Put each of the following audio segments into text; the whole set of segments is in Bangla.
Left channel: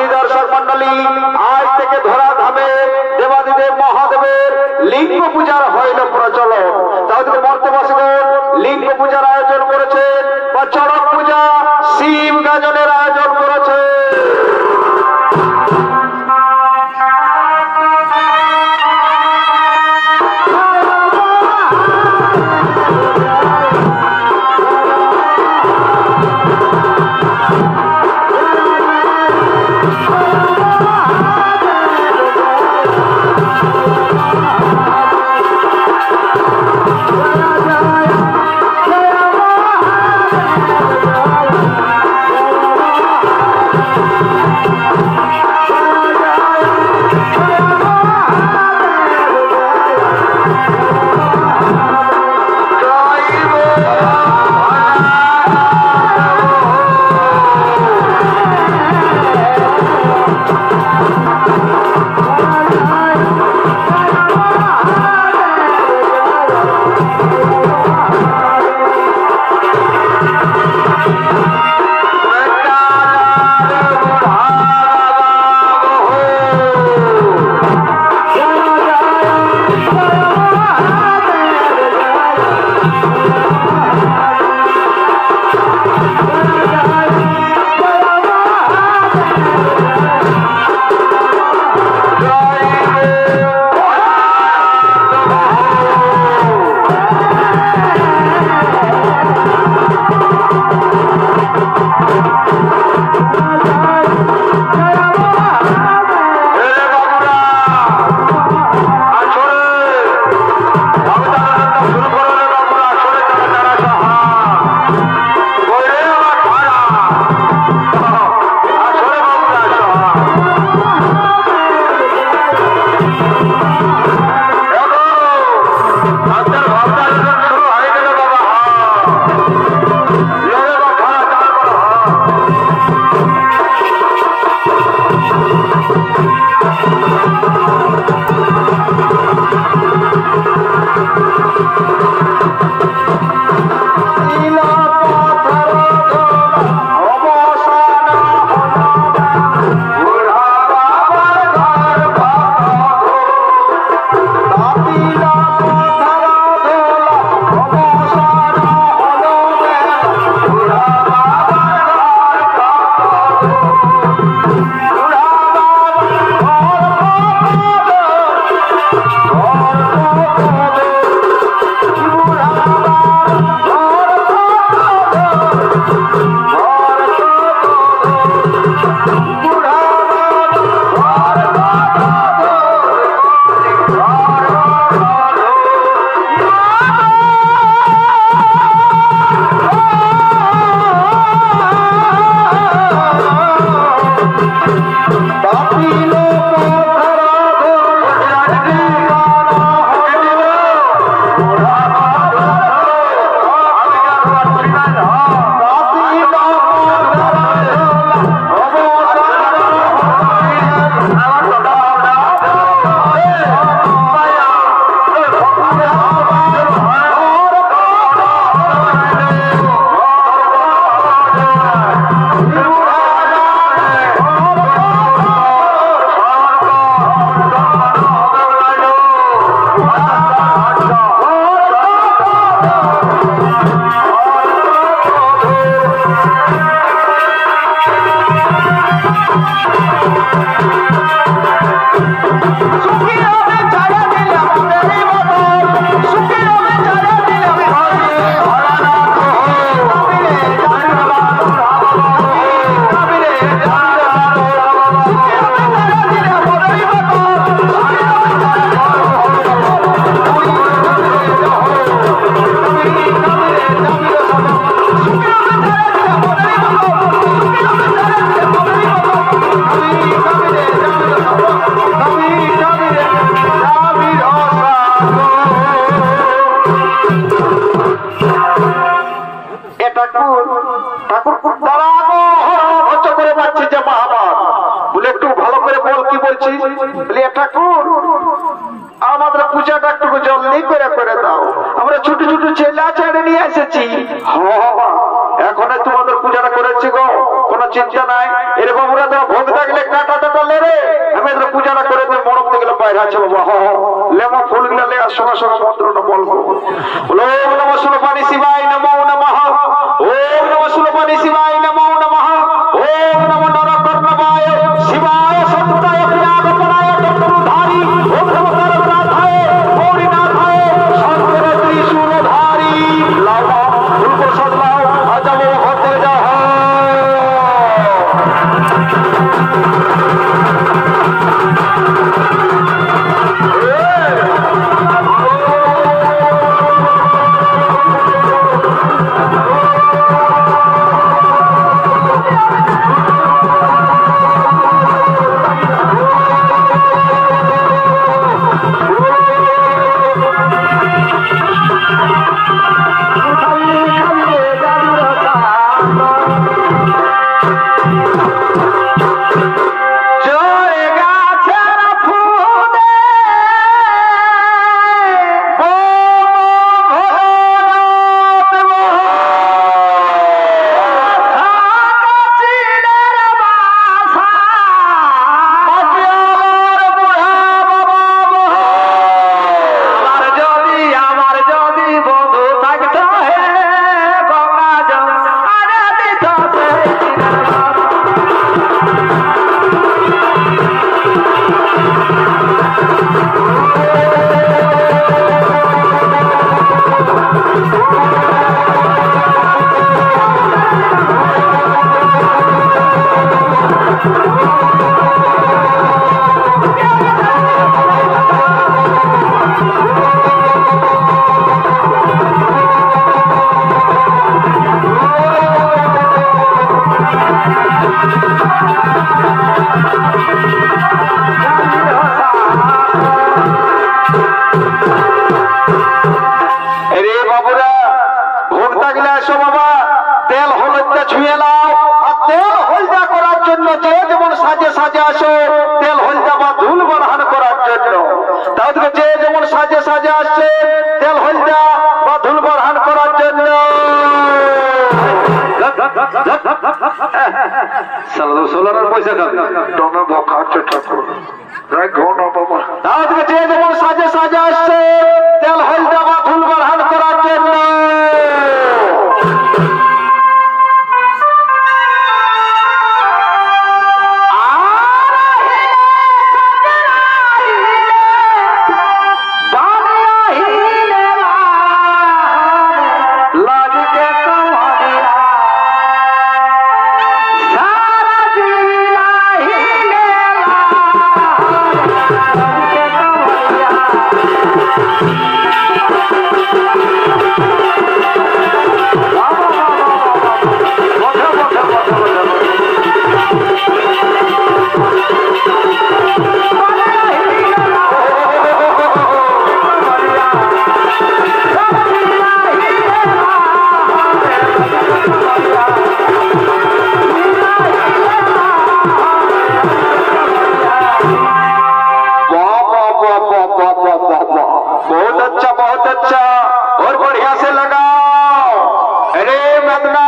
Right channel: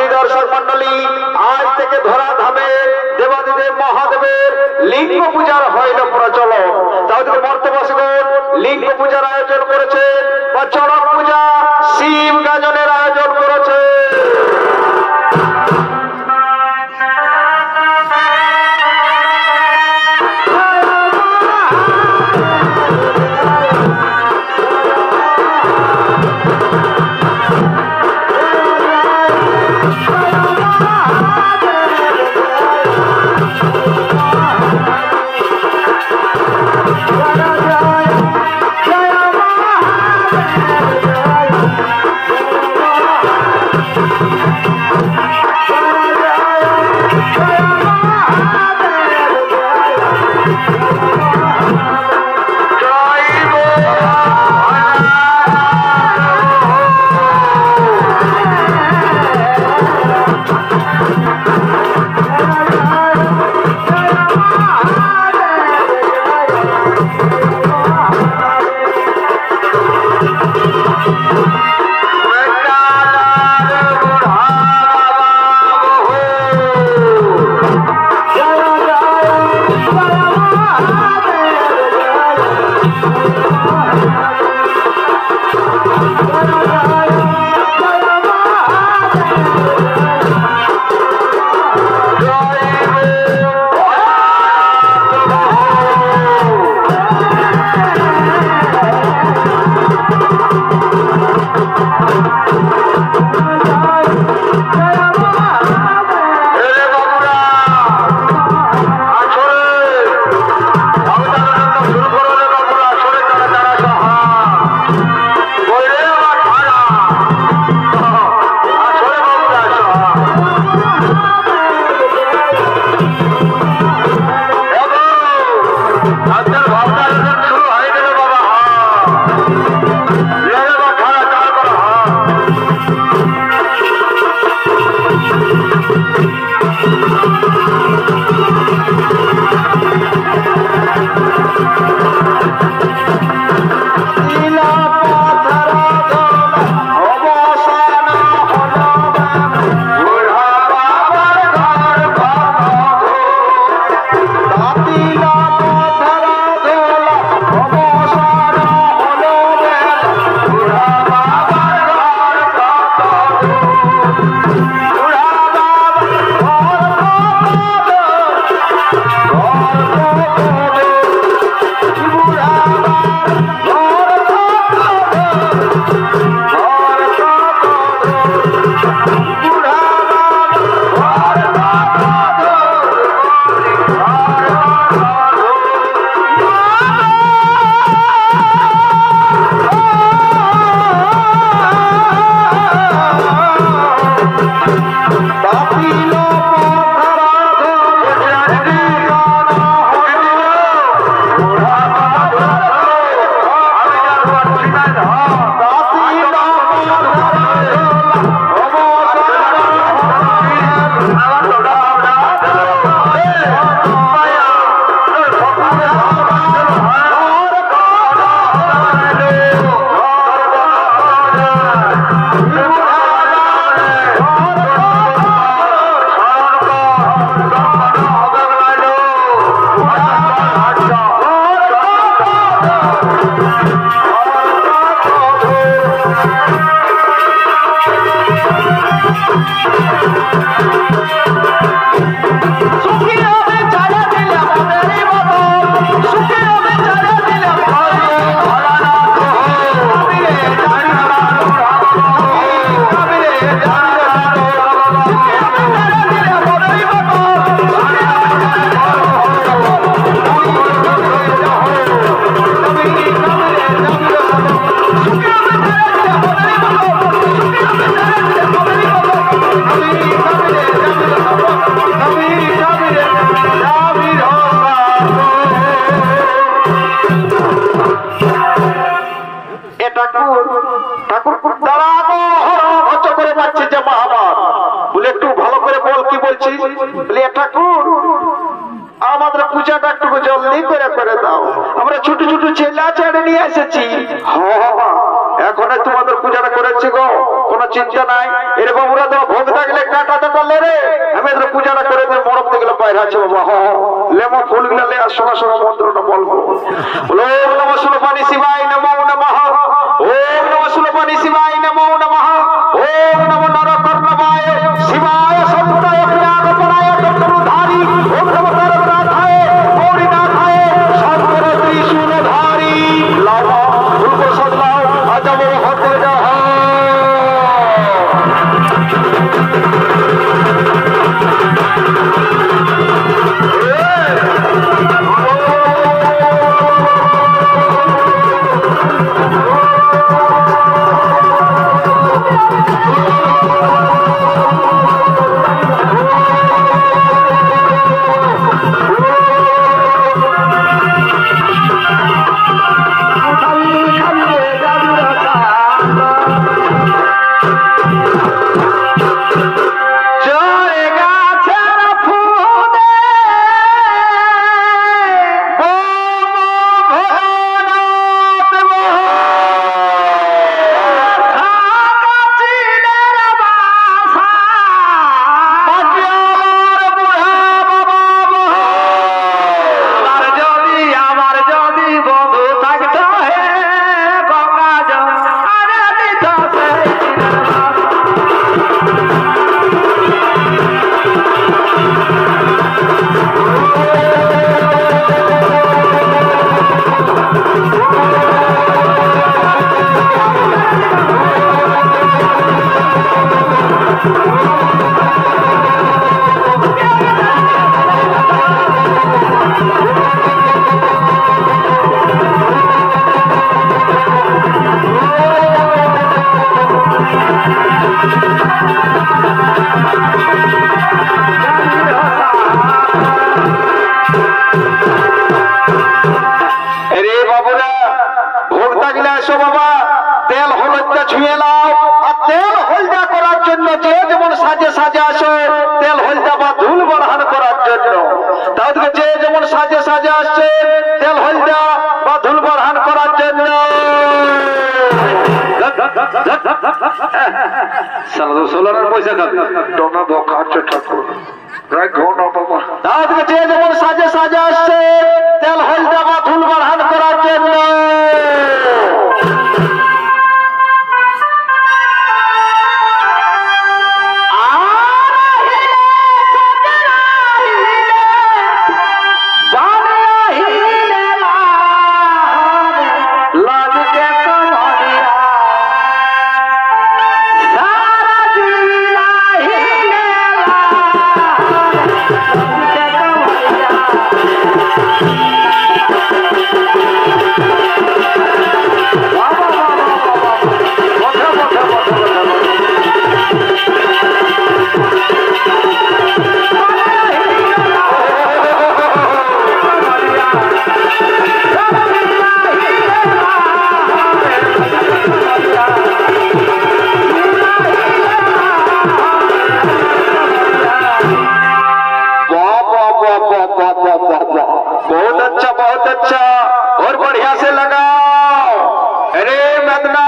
সুধী দর্শক মন্ডলী, আজ থেকে ধরাধামে দেবাদিদেব মহাদেবের লিঙ্গ পূজার হইল প্রচলন। তাদের মর্তবাসীগণ লিঙ্গ পূজার আয়োজন করেছে বা চড়ক পূজা শিব গাজনের আয়োজন করেছে। আমাদের পূজাটা একটু জলদি করে দাও, আমরা ছোট ছোট ছেলে ছেড়ে নিয়ে এসেছি। এখন তোমাদের পূজাটা করেছি গো, কোন কোনো চিন্তা নাই। এর বাবুরা তো ভোগ থাকলে কাটাতে পারলে রে আমি এদের পূজাটা করে দিয়ে মরম দিকে বাইরে আছে বাবা। হ লেমা ফুলগুলা লে আর সঙ্গে সঙ্গে মন্ত্রটা বলবো। বলো ওম নমঃ সুলপানি শিবায় নমো নমঃ, ওম নমঃ সুলপানি শিবায় নমো নমঃ, ওম নমো নরকর্ণবায় শিবায় সত্যায় পুরাণপরায় চক্রধারী, ওম নমঃ করপ্রাথায় গৌরীনাথায় শঙ্কর ত্রিশূলধারী। লাভা ফুলকো সদলাও আজাবো হতে যাহ। সোলার পয়সা যে যেমন সাজে সাজে আসছে তেল হলদা বা ধুল বাড়ান করার জন্য। बहुत अच्छा और बढ़िया से लगाओ। अरे मदना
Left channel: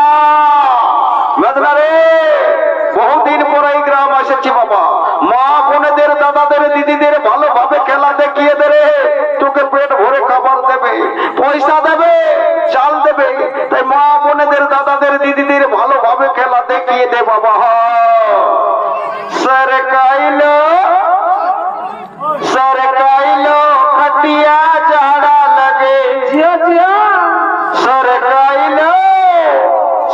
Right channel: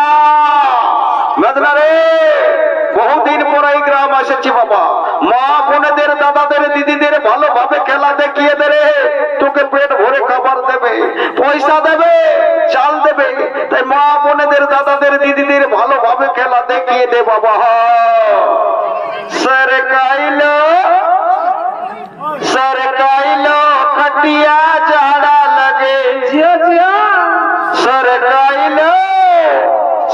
मदना रे বহু দিন পর এই গ্রাম এসেছি বাবা। মা বোনেদের দাদাদের দিদিদের ভালোভাবে খেলা দেখিয়ে দেবে, তোকে পেট ভরে খাবার দেবে, পয়সা দেবে, চাল দেবে। তাই মা বোনেদের দাদাদের দিদিদের ভালোভাবে খেলা দেখিয়ে দে বাবা। सरकाइलो सरकाइलो खटिया झाड़ा लगे जिया जिया सरकाइलो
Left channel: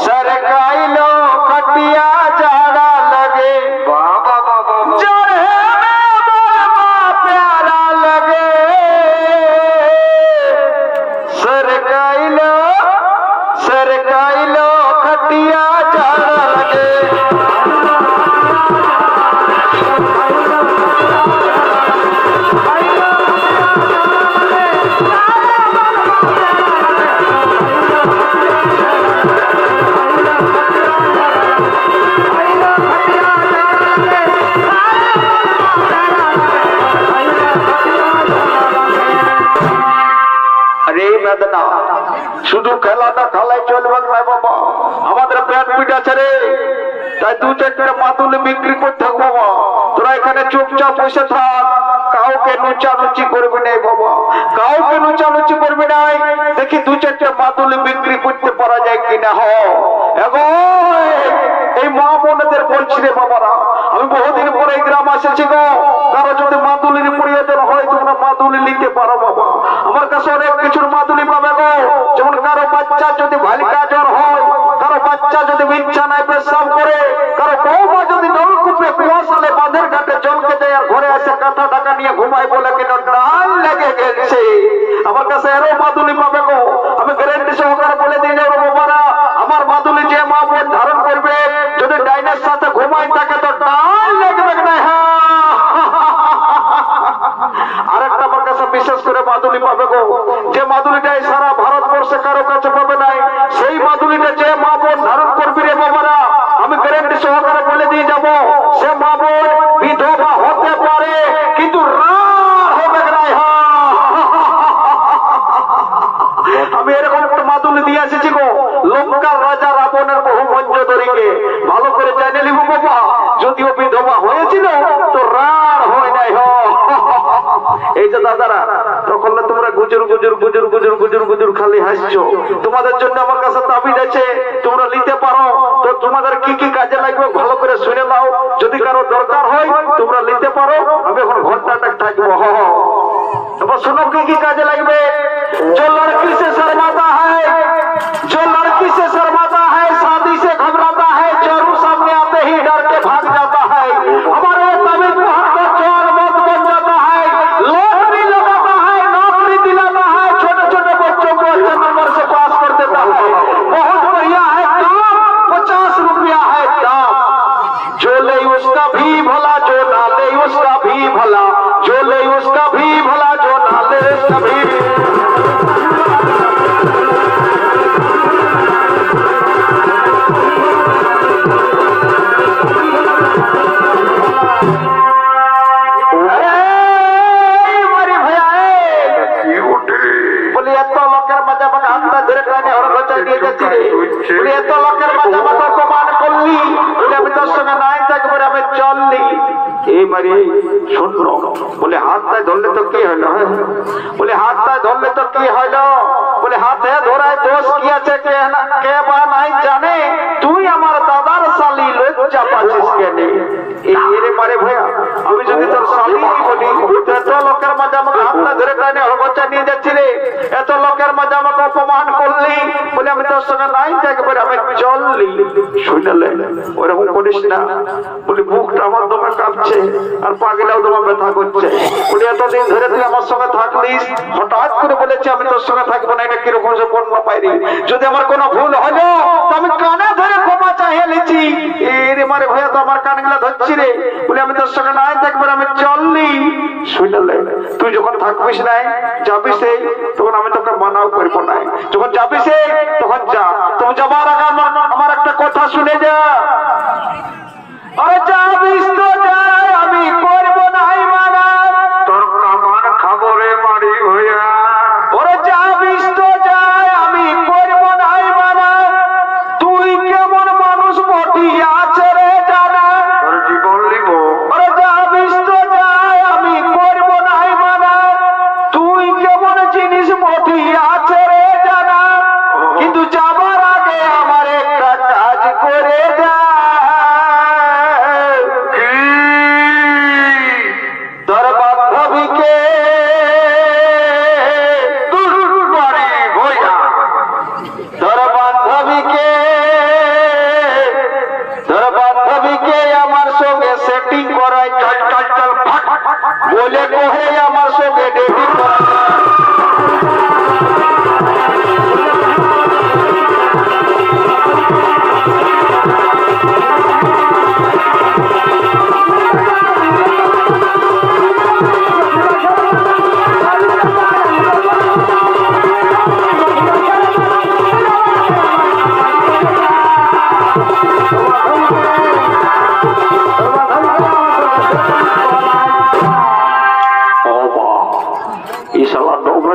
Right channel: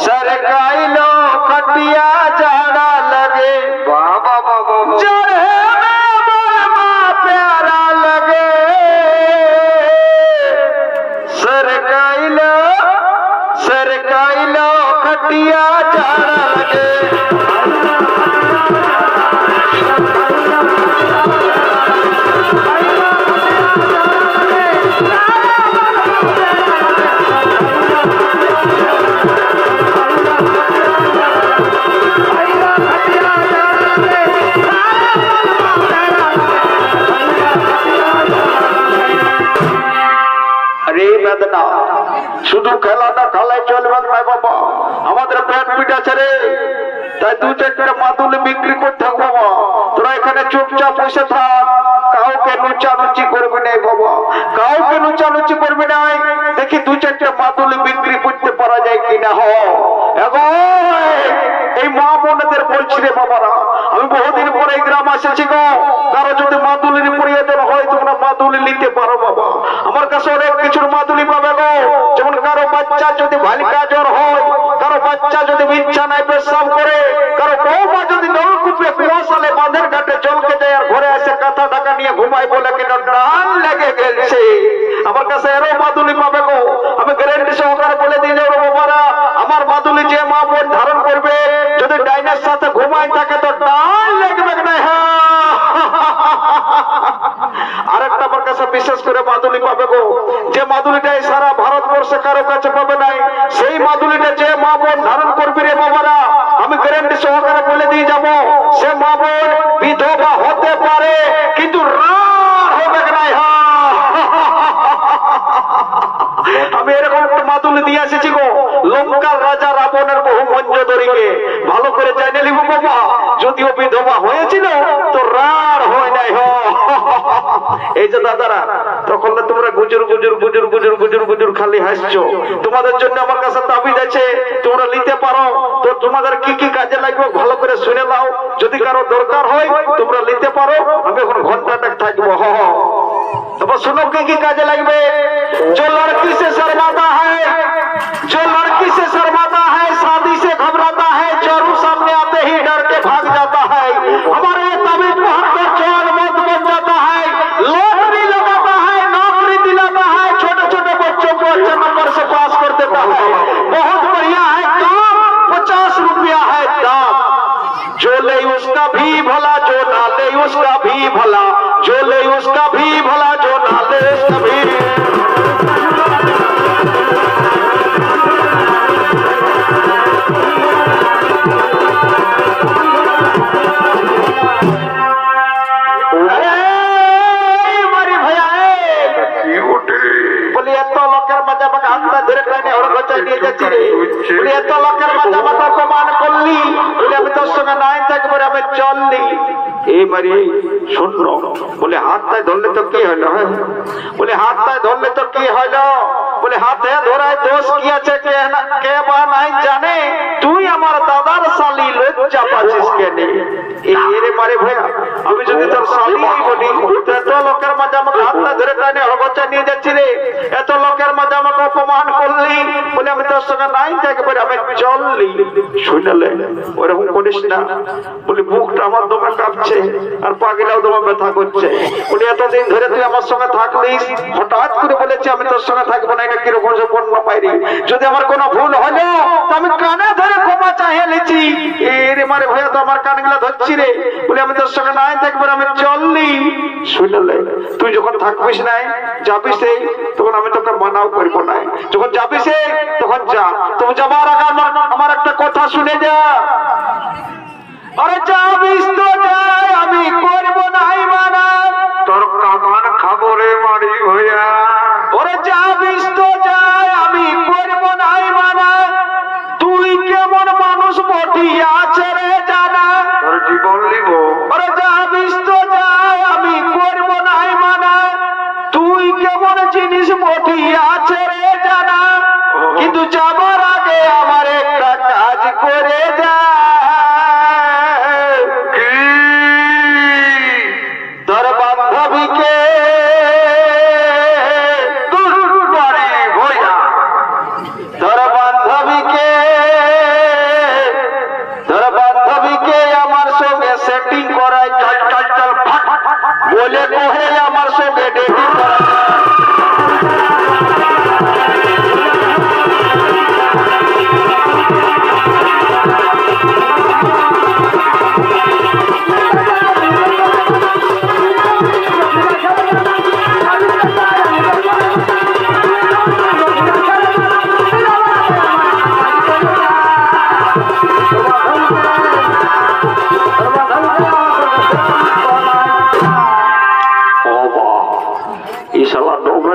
सरकाइलो खटिया झाड़ा लगे बाबा बाबा प्यारा लगे सरकाइलो सरकाइलो खटिया झाड़ा लगे। শুধু খেলাটা খেলায় চলবে না বাবা, আমাদের পেট পিঠা ছেড়ে তাই 2-4টা মাদুলি বিক্রি করতে থাক বাবা। তোরা এখানে চুপচাপ বসে থাক, কাউকে নুচানুচি করবি না বাবা, কাউকে নুচানুচি করবি না। দেখি 2-4টা মাদুলি বিক্রি করতে পারা যায় কিনা। এই মা বোনদের বলছি রে বাবারা, আমি বহুদিন পরে এই গ্রাম আসেছি গো। কারো যদি মাদুলির প্রয়োজন হয় তোমরা মাদুলি নিতে পারো বাবা। আমার কাছে অনেক কিছুর মাদুলি পাবে গো। যেমন কারো বাচ্চা যদি ভালিকা জ্বর হয়, কারো বাচ্চা যদি বিছানায় পেশাব করে, কারো বৌমা যদি নলকূপে কুয়াশালে বাঁধের ঘাটে জলকে যায় আর ঘরে আসে কাঁথা ঢাকা নিয়ে ঘুমায় বলে কিনা ডাল লেগে গেছে, আমার কাছে এরও মাদুলি পাবে গো। আমি গ্যারান্টি সহকারে বলে দিয়ে যাবো বাবারা, আমার মাদুলি যে মা বোন ধারণ করবে যদি ডাইনের সাথে ঘুমায় থাকে তো ডাল লাগবে না। আরেকটা আমার কাছে বিশেষ করে মাদুলি পাবে গো, যে মাদুলিটাই সারা ভারতবর্ষে কারো কাছে পাবে নাই, সেই মাদুলিটা যে মা বোন ধারণ করবি রে বাবারা, আমি গ্যারান্টি সহকারে বলে দিয়ে যাব, সে মা বোন বিধবা হতে পারে কিন্তু রার হবে না। আমি এরকম একটা মাদুলি দিয়ে এসেছি গো, লঙ্কার রাজা রাবণের বহু মঞ্জদরিকে ভালো করে জানে নিব বাবা। যদিও বিধবা হয়েছিল তো রার হয় নাই। এই যে দাদারা, তখন না তোমরা গুজুর গুজুর গুজুর গুজুর গুজুর গুজুর খালি হাসছো। তোমাদের জন্য আমার কাছে তাবিজ আছে, তোমরা নিতে পারো। তো তোমাদের কি কি কাজে লাগবে ভালো করে শুনে নাও, যদি কারো দরকার হয় তোমরা নিতে পারো। আমি এখন ঘন্টাটা থাকবো। এবার শুনো কি কি কাজে লাগবে। जो लड़की से शर्माता है, जो लड़की से शर्माता है, शादी से घबराता है, चोरू सामने आते ही डर के भाग जाता है, हमारे तबीयत पर चोर मौत बन जाता है, लॉटरी लगाता है, नौकरी दिलाता है, छोटे छोटे बच्चों को अच्छे नंबर से पास कर देता है, बहुत बढ़िया है काम, 50 रुपया है दाम, जो ले उसका भी भला, जो ना ले उसका भी भला, जो ले उसका भी भला, जो ना ले उसका भी। এত লোকের মাথা মাথা প্রমাণ করলি বলে আমি তোর সঙ্গে নাই থাকবো, আমি চললি। এই মারি শূন্য বলে হাতটায় ধরলে তো কি হইলো? বলে হাতটায় ধরলে তো কি হইলো? বলে হাতে ধরায় দোষ কি আছে কে বা নাই জানে, তুই আমার দাদার শালি লজ্জা পাচ্ছিস কেন? এরে মারে ভাইয়া, আমি যদি তোর শালি বলি এত লোকের মাঝে আমাকে হাতটা ধরে টানে হগচা নিয়ে যাচ্ছি রে, এত লোকের মাঝে আমাকে অপমান করলি বলে আমি তোর সঙ্গে নাই থাকবো, আমি চললি। শুনলে ওরকম করিস না। বলি মুখটা আমার দমে কাঁপছে আর পাগলাও তোমার ব্যথা করছে। বলি এতদিন ধরে তুই আমার সঙ্গে থাকলিস, হঠাৎ করে বলেছি আমি তোর সঙ্গে থাকবো না, এটা কিরকম পণ্য পাইনি। যদি আমার কোনো ভুল হলো তো আমি কানে ধরে ক্ষমা চাহিয়ে লিছি। এরে মারে ভাইয়া তো আমার কানগুলা ধরছি রে, বলে আমি তোর সঙ্গে নাই থাকবো, আমি চললি। শুনলে তুই যখন থাকবিস নাই যাবি সে, তখন আমি তোকে মানাও করবো না। যখন যাবি সে তখন যা। তুমি যাবার আগে আমার একটা কথা শুনে যা। আরে যাবিস তো যাই, আমি করবো নাই মানা, তোর কামান খাবো রে মারি হইয়া। ওরে যাবিস তো যাই, আমি করবো নাই মানা, তুই কেমন মানুষ বটি আছে রে জানা, তোর জীবন লিব। ওরে যাবিস তো যাই, আমি করবো নাই মানা, তুই কেমন জিনিস বটি আছে রে জানা, কিন্তু যাবার আগে আমার একটা কাজ করে যা। তোর বান্ধবীকে আমার সঙ্গে সেটিং করায়, চল চল চল বলে কহে আমার সঙ্গে ডেটিং করায়।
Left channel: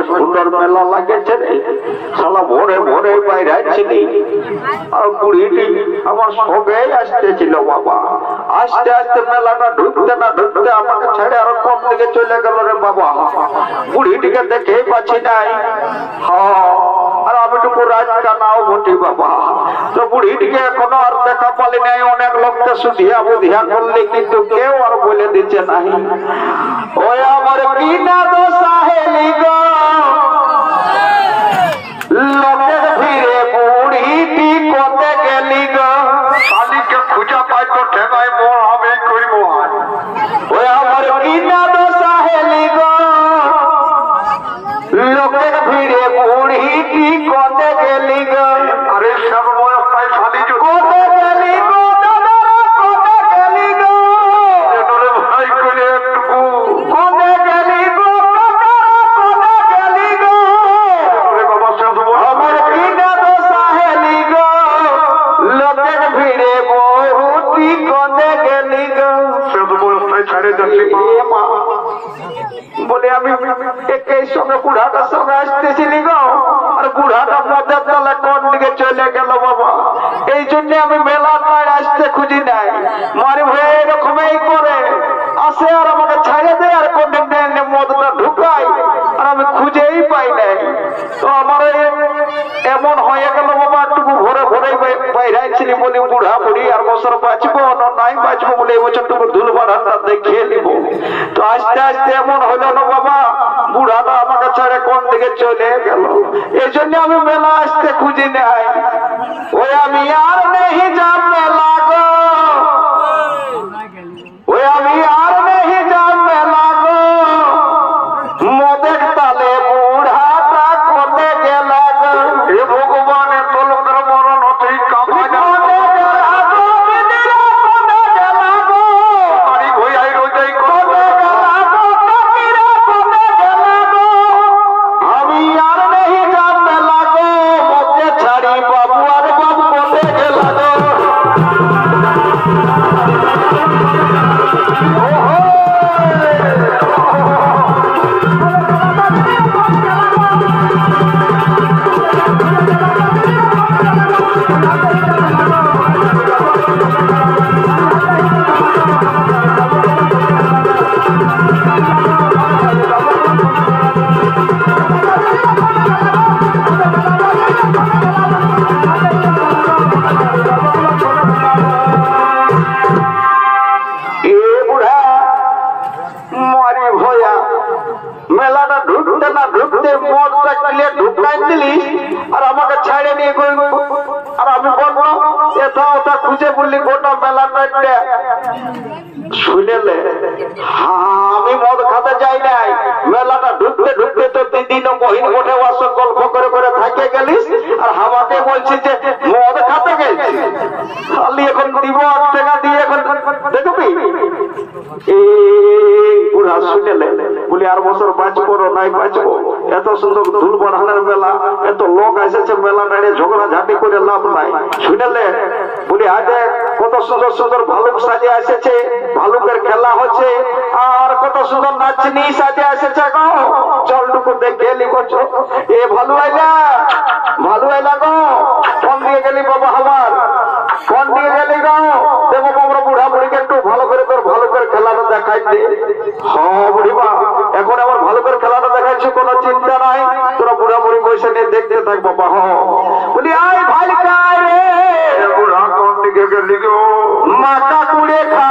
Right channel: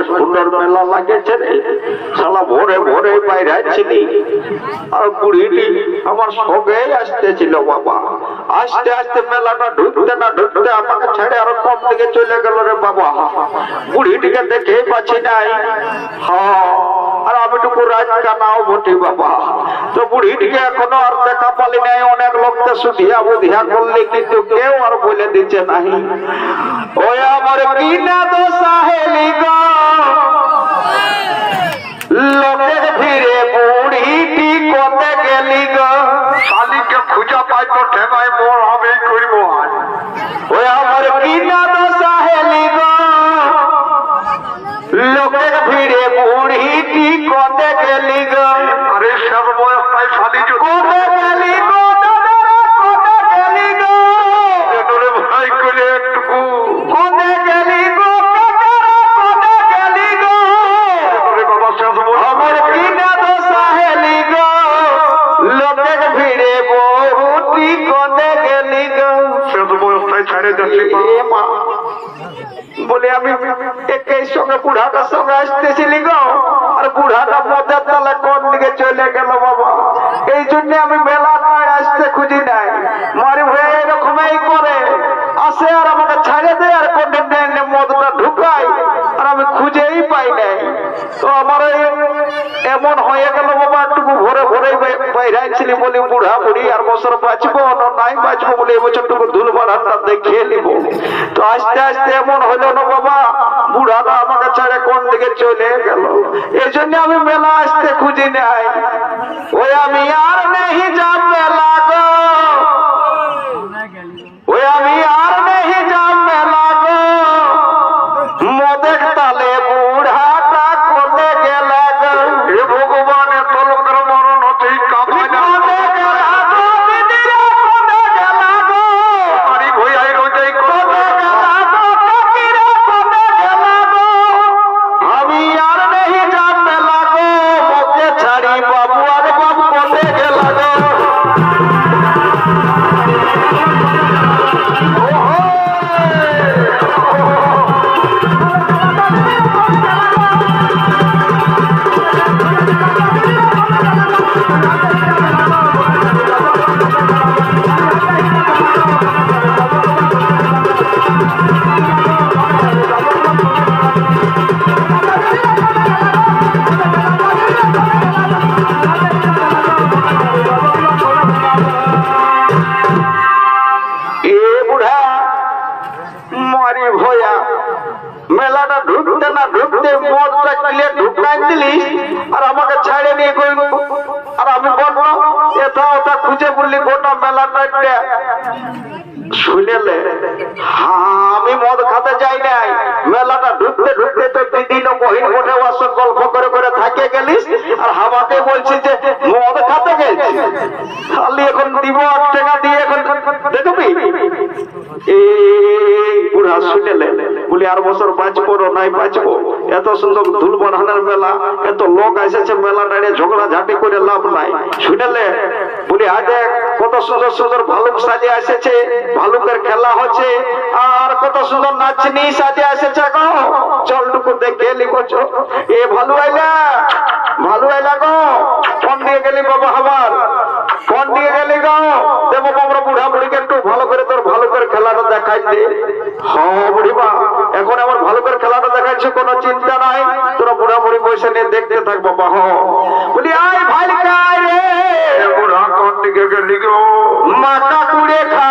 সুন্দর মেলা লাগেছে রে, শালা ভোরে ভোরে বাইরে ছিলি আর বুড়িটি আমার সঙ্গে আসতেছিল বাবা। আস্তে আস্তে মেলাটা ঢুকতে না ঢুকতে আমাকে ছেড়ে আরো কম দিকে চলে গেল রে বাবা। বুড়িটিকে দেখেই পাচ্ছি নাই। হ্যাঁ, আর আমি টুকু রাজকা নাও বটি বাবা। তো বুড়িটিকে এখনো আর দেখা পালি নাই। অনেক লোককে সুধিয়া বুধিয়া করলে কিন্তু কেউ আর বলে দিচ্ছে নাই। ওই আমার কি না দোষা হেলি গো, লোকের ভিড়ে বুড়িটি কোতে গেলি গো। শালিকে খুঁজা পাই তো ঠেকাই মোর আমি করিব। ওই আমার কি না দোষা হেলি গো, লোকের ভিড়ে বুড়িটি কোতে গেলি গো। আরে সর্বস্থায় শালি কোতে গেলি গো, কোতে গেলি গো, ভাই করে একটু কোতে গেলি গো, কোতে গেলি গো। আমার কি না দোষা হেলি গো, লোকের ভিড়ে বহুটি কোতে গেলি গো। সর্বস্থায় ছাড়ে যাচ্ছি বলে আমি একেই সঙ্গে বুড়াটার সঙ্গে আসতেছিলি গো, আর বুড়াটা মদের তলে কোন দিকে চলে গেল বাবা। এই জন্য আমি মেলাটায় আসতে খুঁজি নাই। মারি ভাই এরকমই করে আসে আর আমাকে ছেড়ে দেয় আর কোন মদটা ঢুকাই, আর আমি খুঁজেই পাই নাই। তো আমার এমন হয়ে গেল বাবা, একটু ভোরে ভোরে বাইরাইছিলি বলি বুড়া বুড়ি আর বছর বাঁচবো না নাই বাঁচবো বলে এবছর টুকু ধুল বাড়াটা দেখিয়ে নিব। তো আস্তে আস্তে এমন হইল না বাবা, বুড়াটা আমাকে ছেড়ে কোন দিকে চলে গেল। এই জন্য আমি মেলা আসতে খুঁজি নাই। ওই আমি আর নেই যাব মেলা গো, ওই আমি আর নেই যাব মেলা গো, মদের তালে বুড়াটা কোতে গেল গো। হে ভগবান, এত লোকের মরণ হচ্ছে কামা মেলাটা ঢুকতে না ঢুকতে মদটা কিলে ঢুকাই দিলিস আর আমাকে ছাড়ে নিয়ে গইল। আর আমি বলবো এটা ওটা খুঁজে বললি গোটা মেলাটা শুনেলে। আমি মদ খাতে যাই নাই, মেলাটা ঢুকতে ঢুকতে তো দিদিন বহিন গোটে ওয়াসন গল্প করে করে থাকে গেলিস আর হাওয়াতে বলছি যে মদ খাতে গেছি। খালি এখন দিব টাকা দিয়ে এখন দেখবি এই বুড়া শুনেলে বলি আর বছর বাঁচবো নাই বাঁচবো। এত সুন্দর ধুল বাড়ানোর মেলা, এত লোক এসেছে মেলা দাঁড়িয়ে ঝগড়া ঝাঁটি করে লাভ নাই। শুনেলে বলি আগে কত সুন্দর সুন্দর ভালুক সাজে এসেছে, ভালুকের খেলা হচ্ছে, আর কত সুন্দর নাচনি সাজে এসেছে গো। চলটুকু দেখে লিখছ এ ভালু আইলা, ভালু আইলা গো। ফোন দিয়ে গেলি বাবা, আমার ফোন দিয়ে গেলি গো। দেবো আমরা বুড়া বুড়িকে একটু ভালো করে তোর ভালুকের খেলাটা দেখাই দে। হ্যাঁ বুড়িমা, এখন আমার ভালুকের খেলাটা দেখাইছে, কোনো চিন্তা নাই, তোরা বুড়া বুড়ি পয়সা নিয়ে দেখতে থাক বাবা। হ বলি আয় ভাই রে, বুড়া কোন দিকে গেলি গো, মাথা কুড়ে খা